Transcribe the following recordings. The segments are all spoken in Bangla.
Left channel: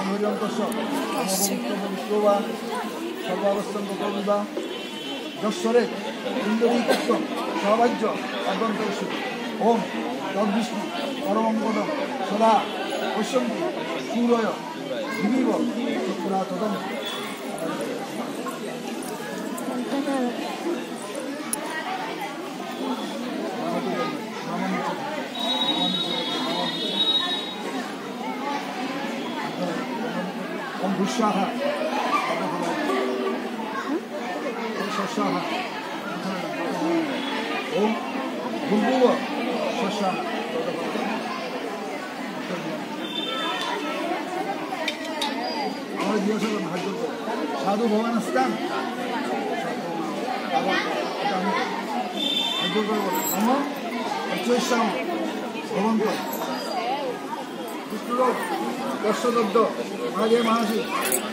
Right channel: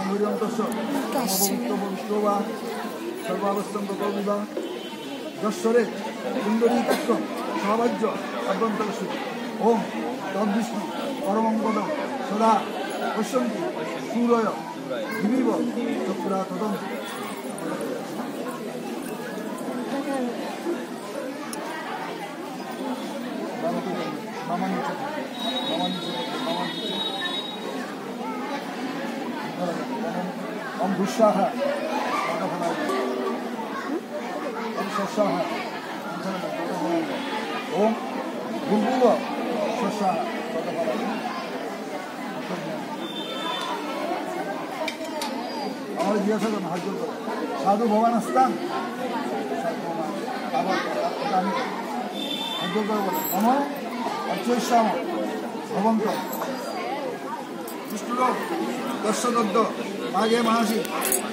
অমরিয়ন্তস্য পবিত্র পবিত্র বা সর্বাবস্থঙ্গ কবিবা যশ্বরে কুণ্ডলীকাক্ষ সহবাজ্য অভ্যন্তরশ্রুতি ওম তদ্বিষ্ণু পরমং পদম সদা পশ্যন্তি সূরয় দিবিব চক্রা তদম। ওম ভূষাহ ওম শস্যাহ ওম ভূর্ভুব শস্যাহ আমরা জিজ্ঞাসা করুন হাত জোর করে সাধু ভবান আসতাম আবার আমি হাত জোর করে বলেন নম অর্চৈশ্যাম ভবন্ত বিষ্ণুলোক দর্শদদ্দ মাঘে মাসি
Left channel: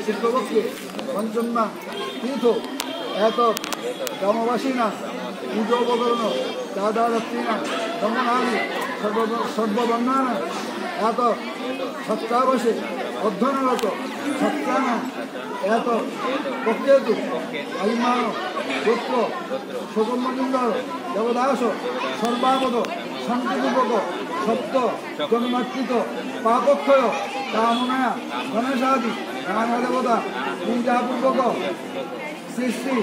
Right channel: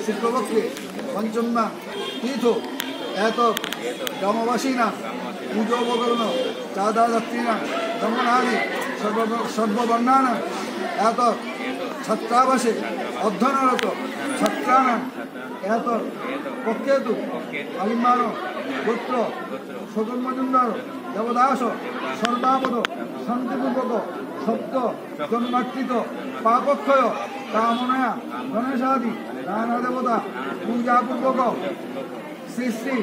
শুক্লপক্ষে পঞ্চম্যা তীর্থ এতক গ্রামবাসীনা পূজোপকরণ চাঁদাদাত্রীনা দমনাদি সর্ববর্ণানা এতক ছত্রাবাসে অধ্যয়নরত ছত্রানা এতক পক্ষেতু আলিমান গোত্র শোকন মজুমদার দেবদাস সর্বাপদ শান্তিপূর্বক সপ্ত জন্মার্চিত পাপক্ষয় কামনায়া গণেশাদি নানা দেবতা পূজাপূর্বক শ্রী শ্রী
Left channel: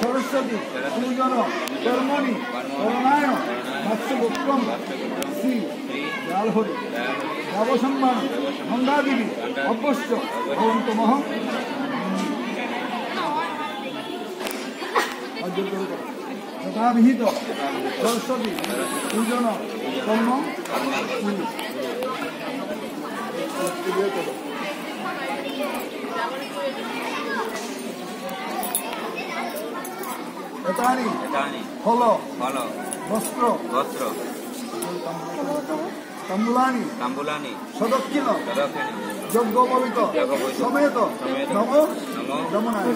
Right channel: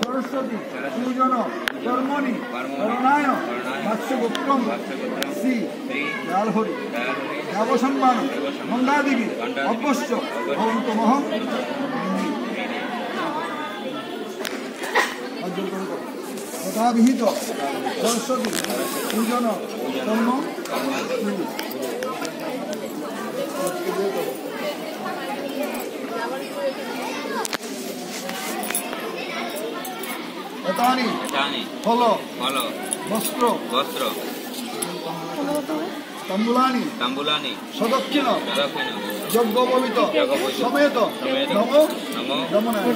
সরস্বতী পূজন কর্মণি করণায় মৎস্যপুত্রম শ্রী জালহরি দেবসম্মান মন্দাদেবী অবশ্য ভবন্তমহং যথাবিহিত সরস্বতী পূজন কর্ম এতানি ফল বস্ত্র তাম্বুলানি সদক্ষিণ যজ্ঞোপবিত সমেত নম রমণায়।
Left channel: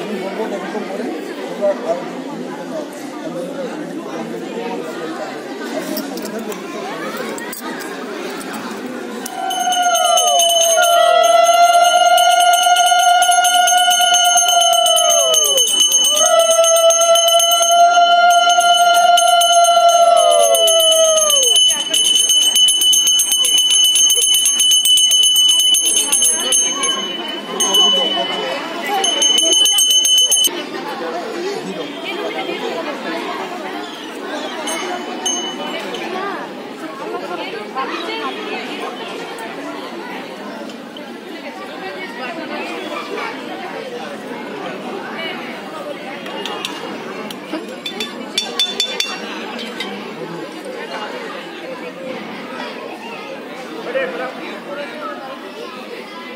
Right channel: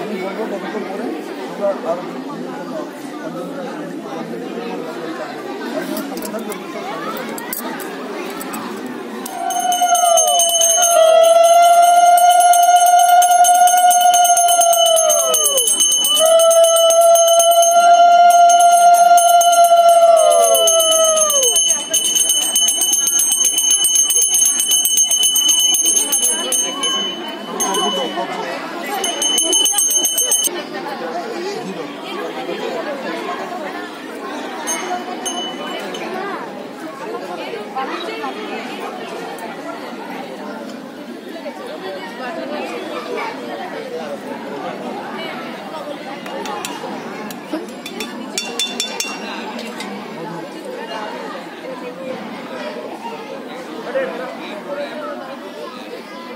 আমি বলবো কতক্ষণ পরে তোমরা আর সামনে থাকবে।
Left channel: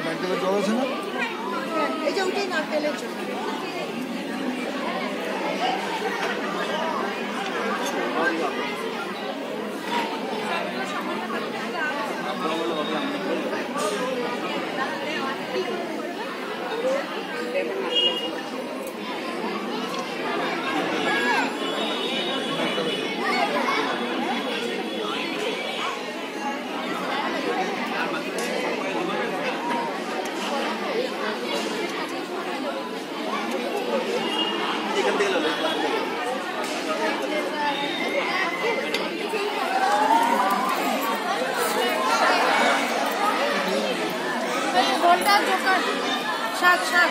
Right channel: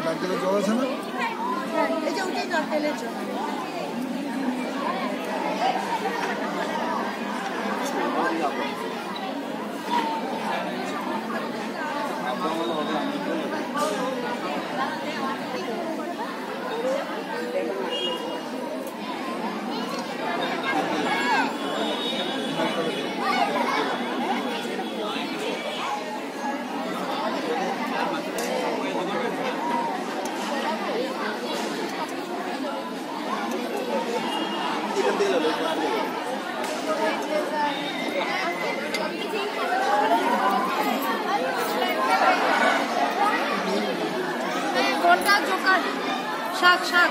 নারকেলের জল আছে না? এই যে ওটাই নারকেলের জল। গোলটা জোকার শাক শাক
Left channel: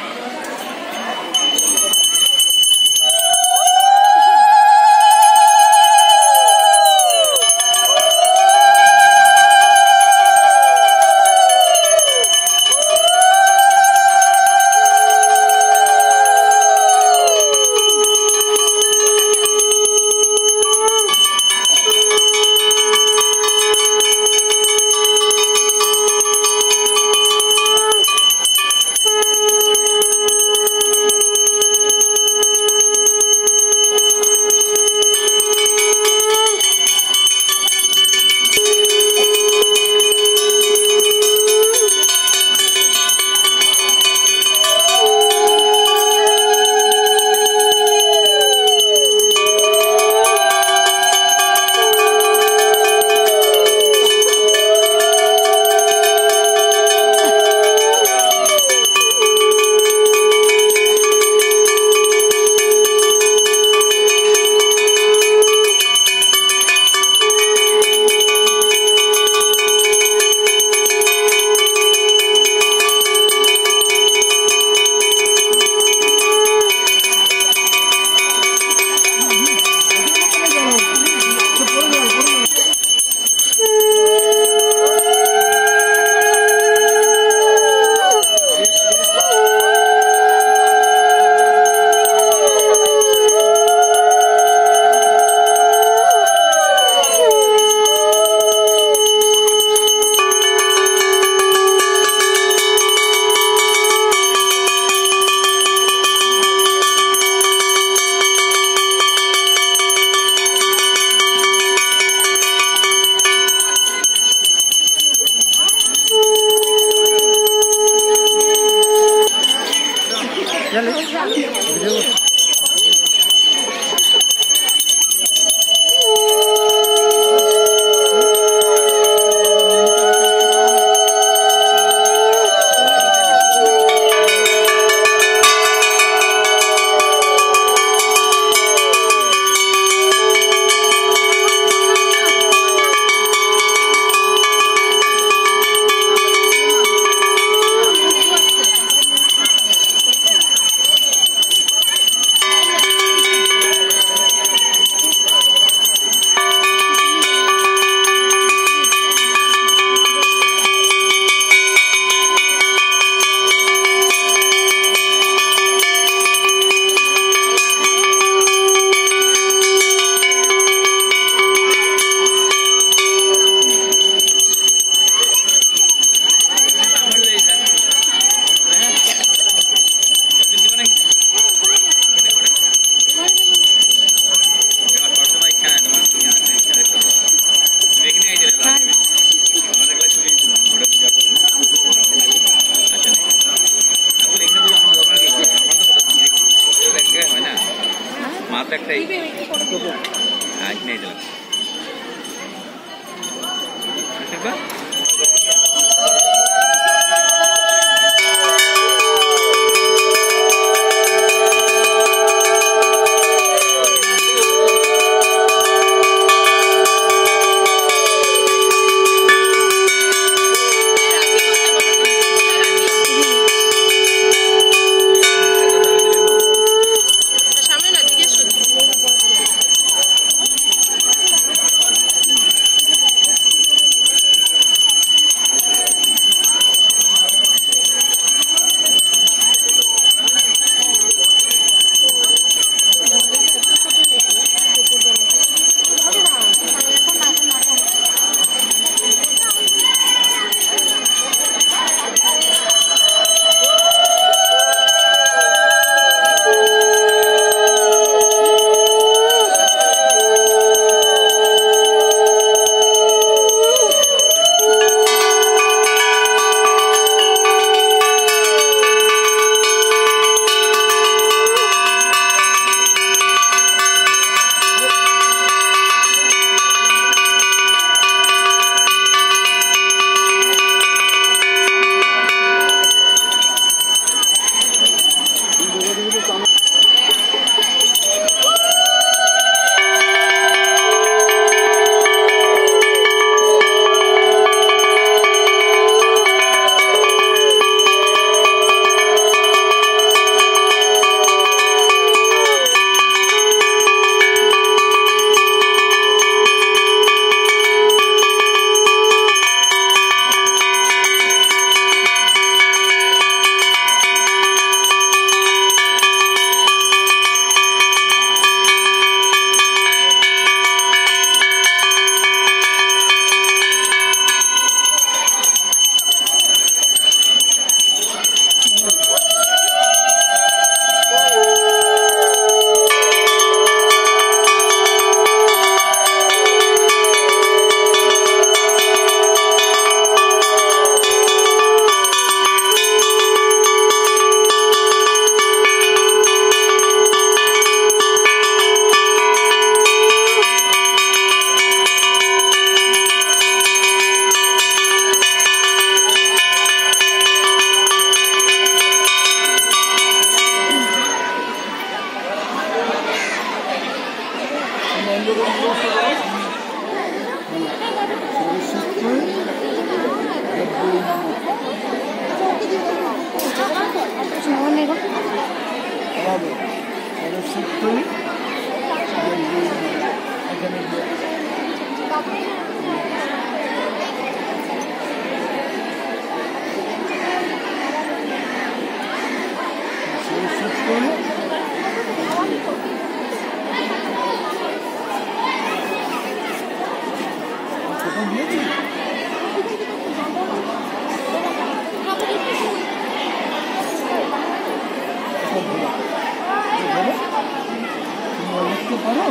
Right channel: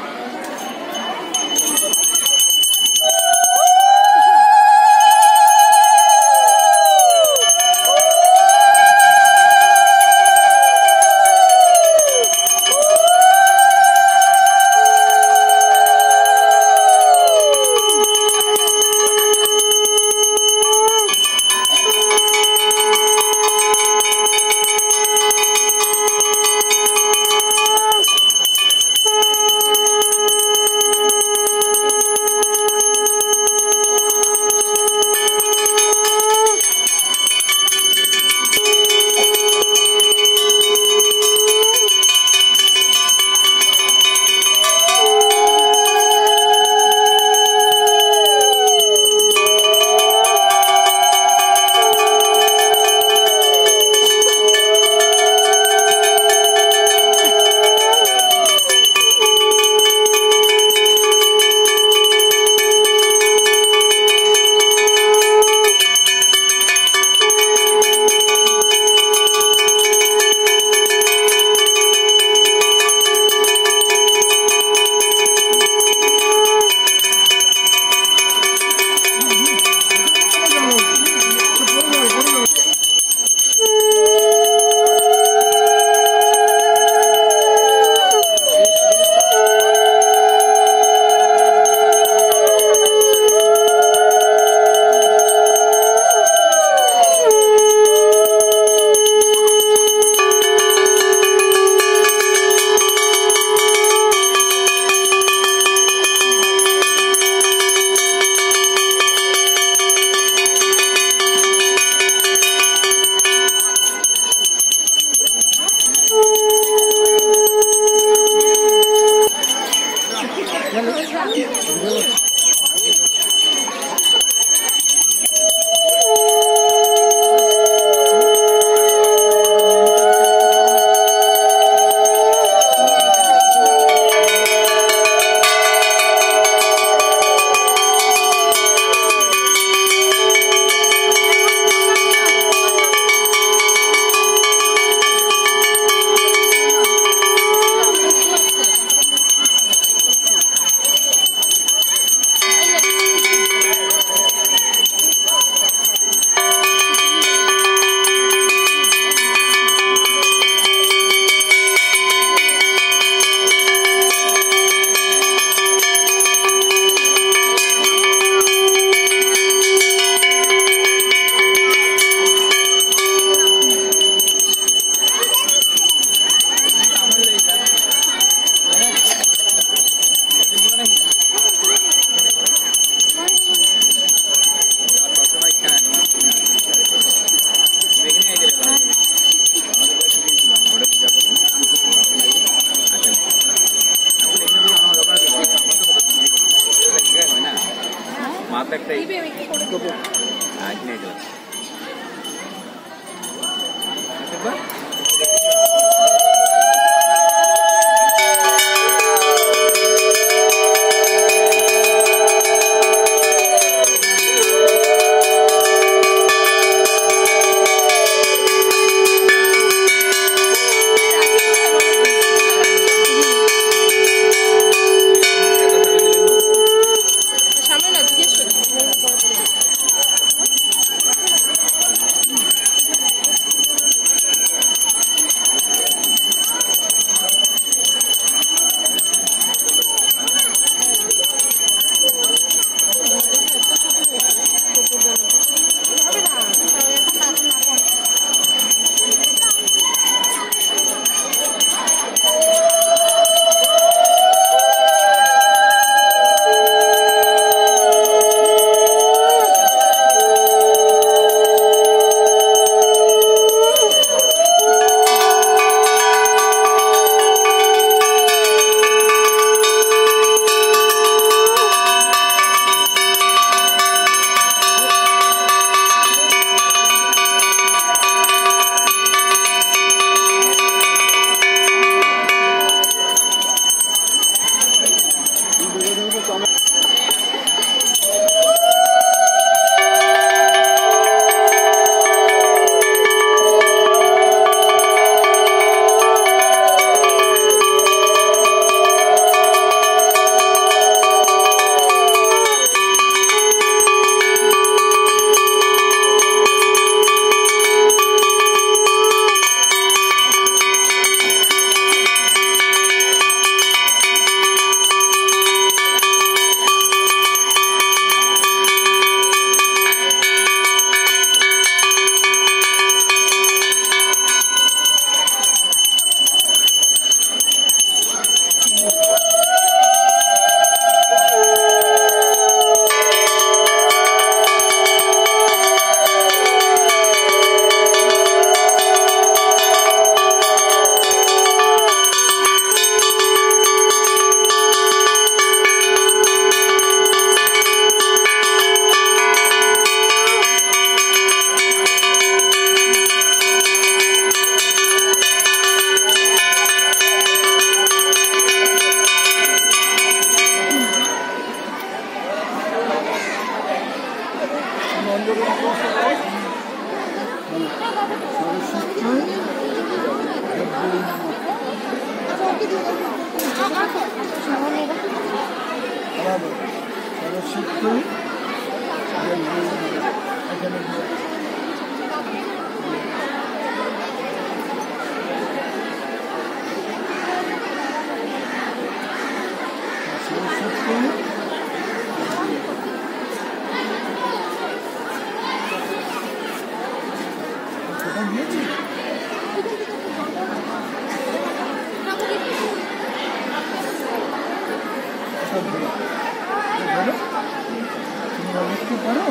লিখতে পারো?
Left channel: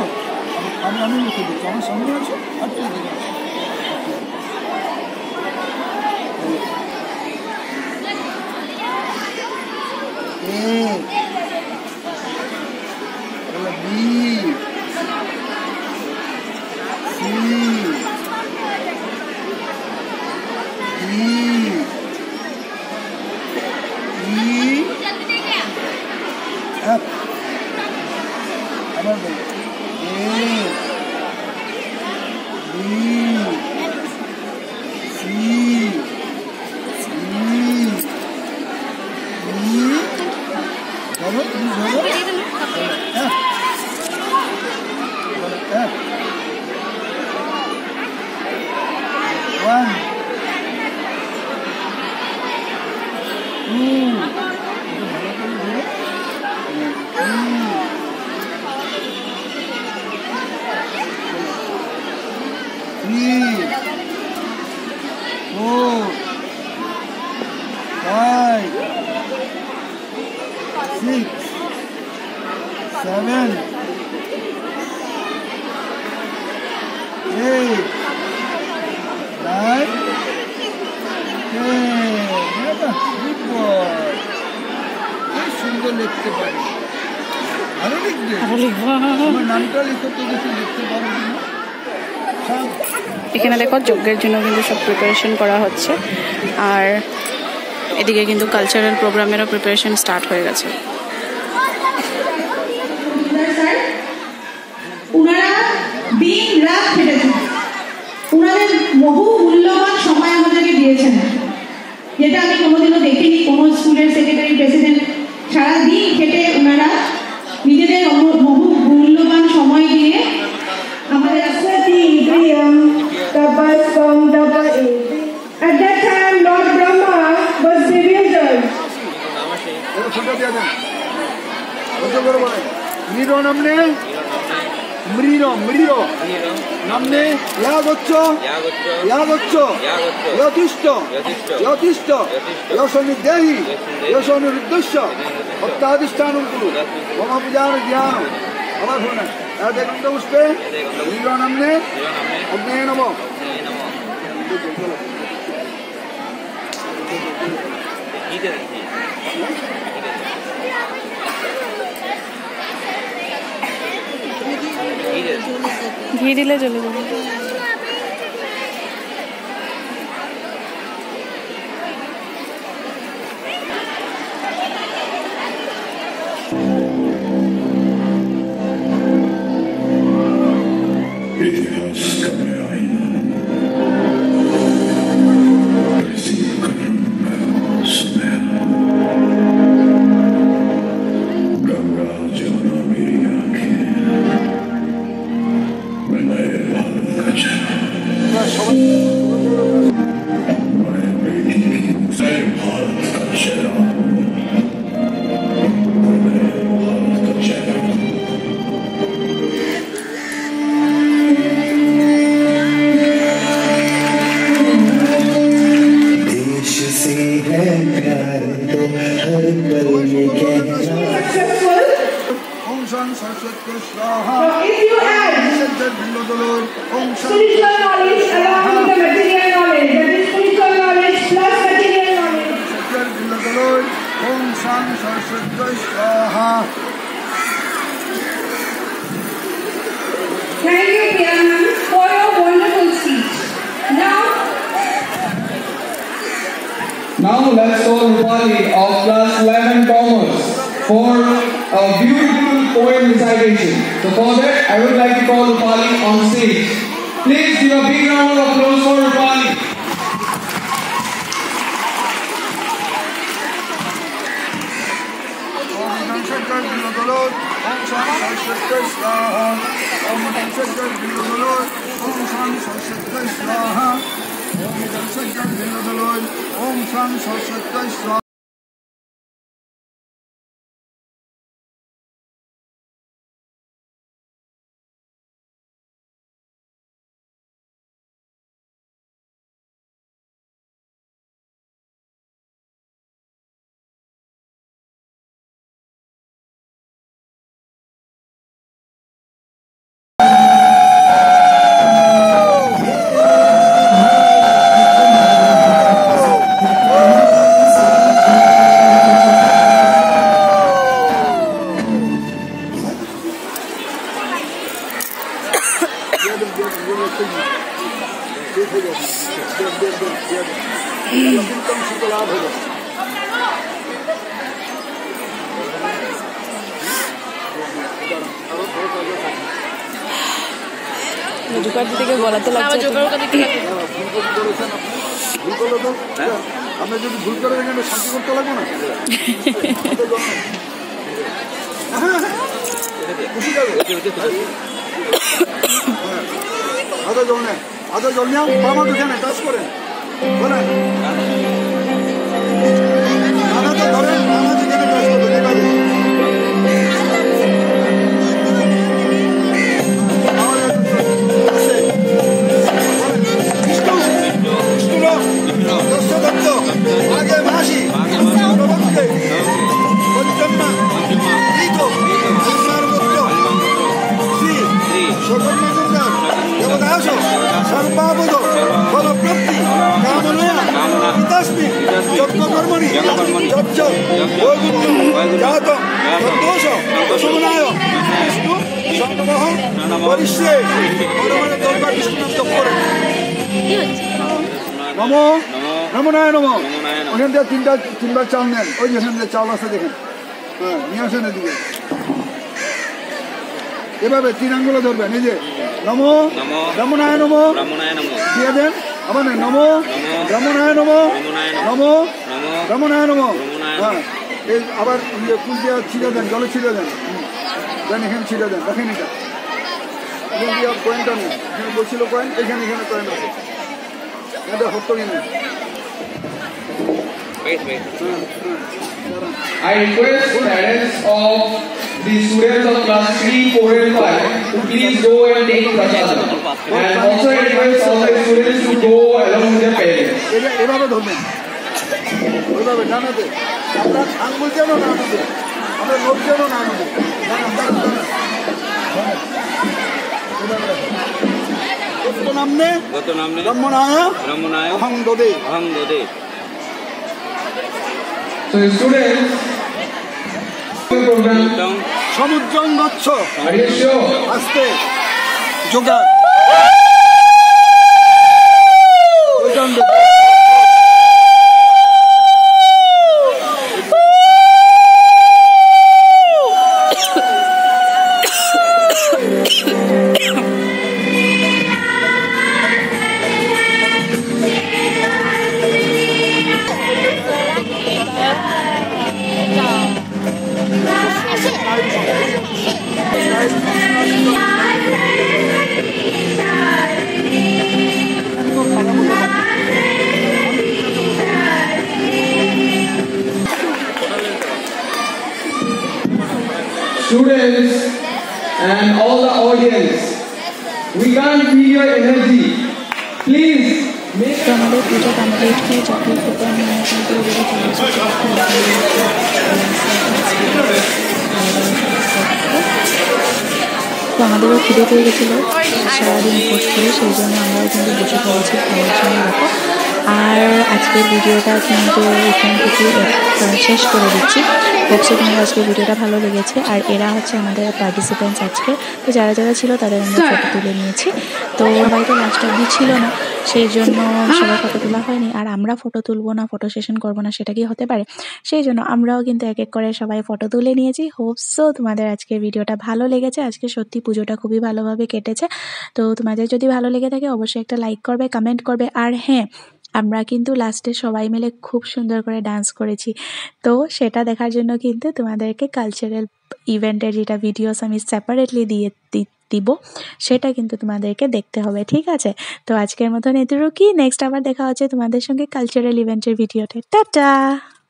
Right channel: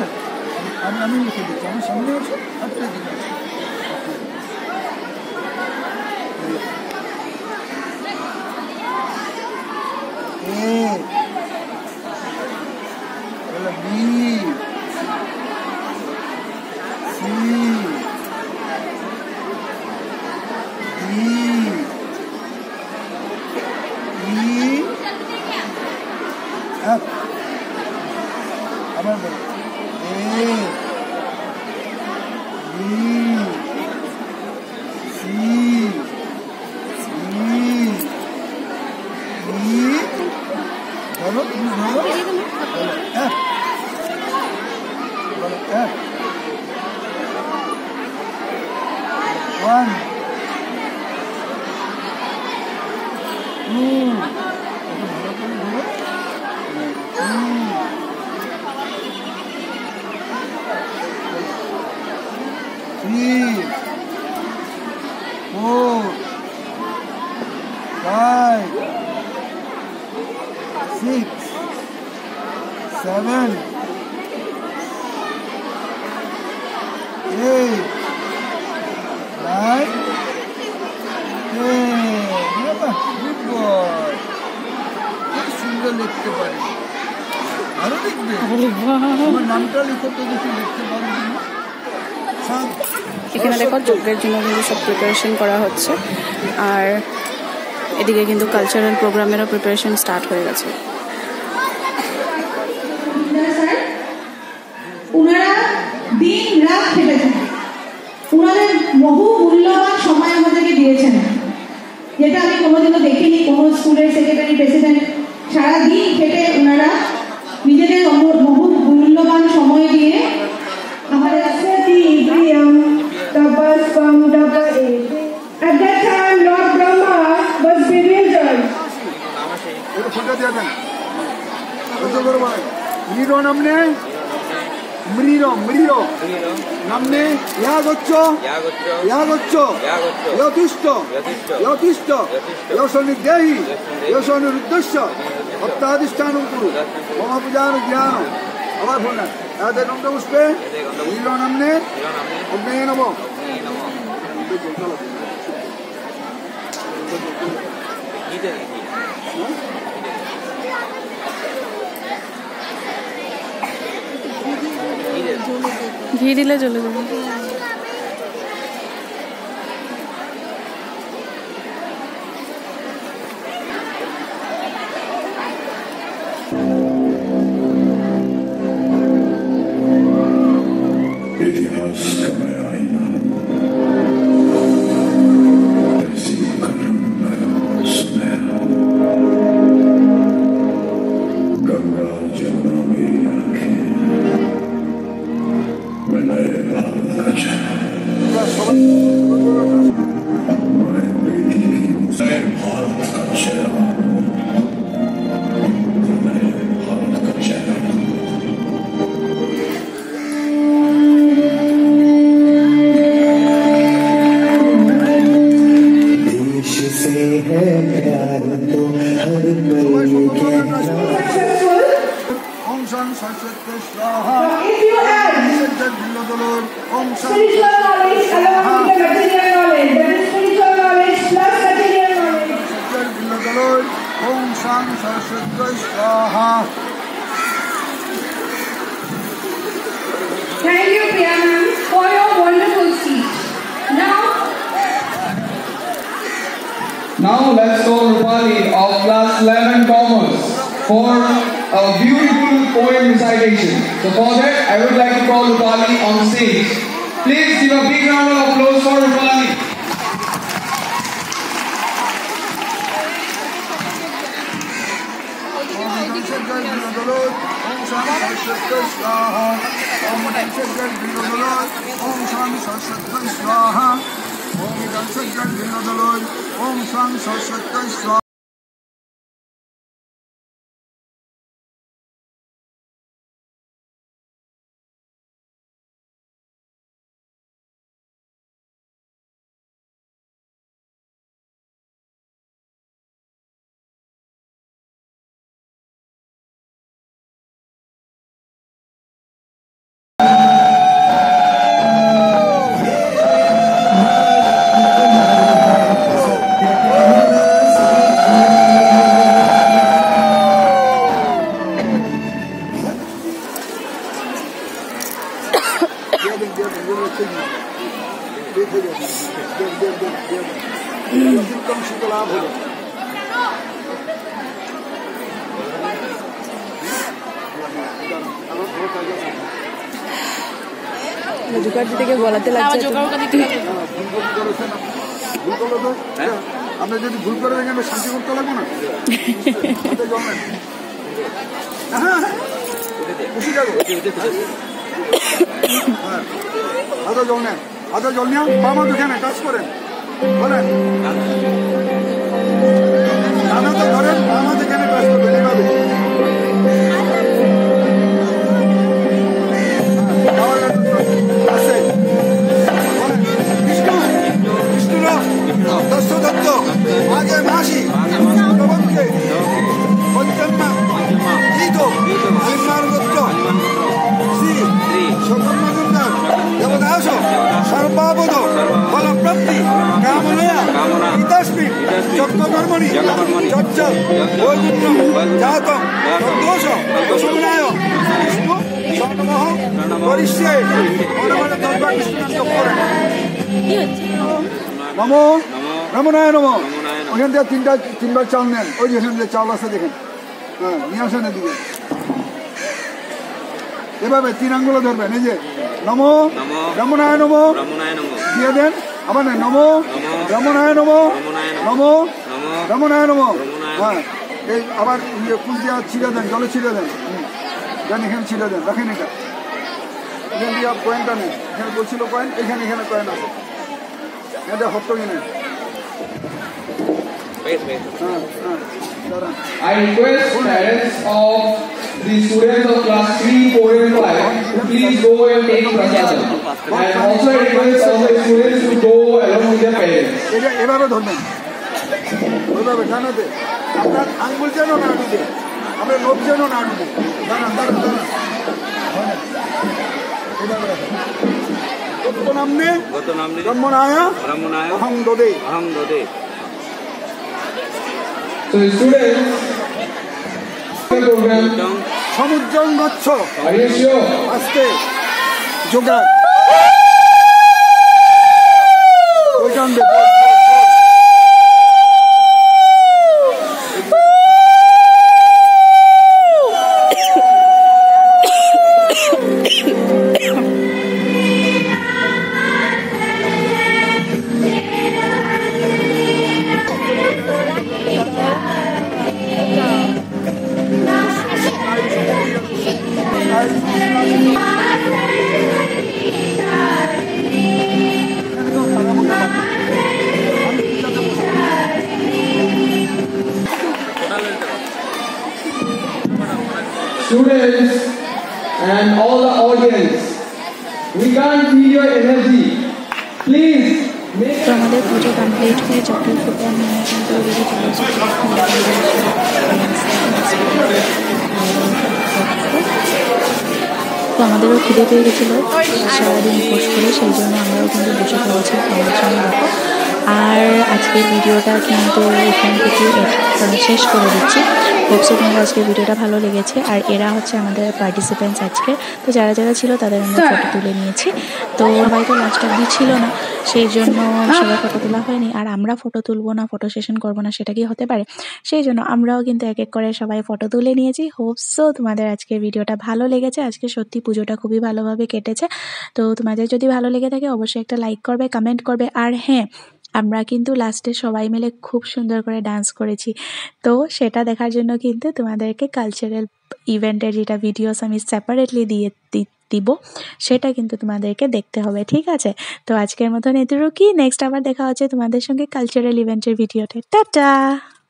আমি লিখে দিচ্ছি, আমার সামনে আছো, একটা দিকে আছো। আবার বলো ধরো, তুমি ধরো, বলো 1 2 এটা ভালো করে ধরো 3 4 5 6 7 8 9 10 গুড বয়। খুব সুন্দর লিখতে পারি। আরো লিখবে? আমার নামটা লিখো তো, কিছু লিখতে পারো না। এখানে দেখো যজ্ঞের জন্য কিন্তু সব প্রিপারেশন করা হচ্ছে, আর এদিকে কিন্তু কালচারাল প্রোগ্রামেরও প্রিপারেশন স্টার্ট হয়ে গেছে। ওনারা দিন রাত খেটেছেন, ওনাদের বহু মূল্যবান সময় আমাদেরকে দিয়েছেন, যেটা আমি কোনোদিনও দেখিনি কোনো স্কুলের সেক্রেটারি প্রেসিডেন্ট। সারাদিন খেটে ওনারা নিজেদের বহু মূল্যবান সময় দিয়ে আমাদের At that time, Lord Brahma was bewildered. মৃরো নামনে মৃরো মৃরো নামনে ইয়াগচ্ছ ইয়াগচ্ছ যথিষ্ঠ যথিষ্ঠ যশনির্দেহি যশনিরুদ্দেশ্য ভক্তাধিষ্ঠানম Kuru মম পূজার জ্ঞান। আবার শুনেন দেখুন তো পুষ্পে মৃরো নামনে অগ্নেয় নম। ঘি দিলে চলে যাবে। Thank you, Priyanka, for your wonderful speech. Now let's call Rupali of class 11 Commerce for a beautiful poem recitation. So for that, I would like to call Rupali give a big round of applause for Rupali. Om Sam Saraswati Swaha. জোগাড় দিতে গিয়ে গলাতে লাগছে। আমরা যদি ভুল করে দেখেন শান্তি করতে লাগবো না। আদা জল নেন, আদা জল নেন, বামা দুখানে কাজ করেন বলেন। দাদা তো ধরেন বামা যেখানে কাজ করবেন এভাবে। आगे मासी प्रबंधके पंचन्ना ईदो अलिमार गोत्र श्री शोभन मजुमदार देवदासो सर्वपावनो फलप्राप्ति कामनया हितस्मि यज्ञकर्मणि यज्ञ वैकुण्ठं जातं तद्दोष प्रशमनाय विष्णु शरणमः परिष्ये परमानंद दरबार विष्णु नाम जप करेন। নমো নমনায় নমো। ওখান থেকে তিনবার চাল নেন, ওই যেখান থেকে চাল আছে দেখেন, হ্যাঁ নিয়ে আসেন এদিকে। এভাবে 3 আঙ্গুল ধরবেন, এই যে নমো রমনায় নমো দিয়ে দেন। আবার নেন নমো রমনায় নমো, নমো রমনায় নমো। হ্যাঁ এই আবার কুল দিয়ে ছিঁড়ে দেন, জলে ছিঁড়ে দেন, দেন এখানে ছিঁড়ে দেন, রাখেন এটা। এখান দিয়ে কয়েনটা নেন, এখানে বলছিল কয়েন, এখানে কয়েন আছে, এটা হতো কিনা। I request parents of the students of class 3, 4 and 5 to please go and take prasadam. And also request of the students to go along with their parents. এটা এভাবে ধরবেন, ওইভাবে জানাতে আমরা আঙ্গুল যেন না ডুবে, আমরা লোক যেন না ডুবে। দাঁড়ান দাঁড়ান দাঁড়ান, এভাবে গত নামনে ব্রহ্মণায় অহং দদে। So the students program সমুদ্রং গচ্ছ are you sure? আস্তে yoga Students and all the audience, we can't feel your energy. Please make তো আমাদের পুজো কমপ্লিট হয়ে চকলেট ফুটা নিয়ে কিন্তু ওদিকে চলে এসেছে। তো আমাদেরও খিদে পেয়ে গেছিলো সারাদিন উপোস করে, সেই জন্য আমরাও কিন্তু বসে পড়েছি খাওয়ার জন্য। দেখো আর আজকের ভিডিওটা কিন্তু এখান থেকে শেষ করে দিচ্ছি। হোপসো তোমাদের আজকের ভিডিওটা ভালো লেগেছে। আর এরা হচ্ছে আমাদের পার্টিসিপেন্টস আজকে, তো যারা যারা ছিল তাদের আমরা ফটো তুলে নিয়েছি। তো সবাই তো লাস্ট অবধি ছিল না, সেই জন্য সবাই ফটো তোলা হয়নি। আর আমরা ফটো তুলবো না, ফটো সেশন করবো না, সেটা কি হতে পারে? সেই জন্য আমরাও কিন্তু এক এক করে সবাই ফটো তুলে নিয়েছি। হোপসো তোমাদের আজকের ভিডিওটা ভালো লেগেছে। আজকে সত্যি পুজোটা খুবই ভালোভাবে কেটেছে। তো তোমাদের যদি ভালো লেগে থাকে অবশ্যই একটা লাইক করবে, কমেন্ট করবে। আর হ্যাঁ, আমরা কিন্তু লাস্টে সবাই মিলে খুব সুন্দর করে ডান্স করেছি। তো সেটা দেখার জন্য কিন্তু তোমাদেরকে কালচারাল ইভেন্টের যেটা ভিডিওস আমি সেপারেটলি দিব, সেটা কিন্তু তোমাদেরকে দেখতে হবে, ঠিক আছে? তো আজকের মতন এতটুকুই। নেক্সট আবার দেখা হচ্ছে তোমাদের সঙ্গে কালচারাল ইভেন্টের ভিডিওতে। টাটা।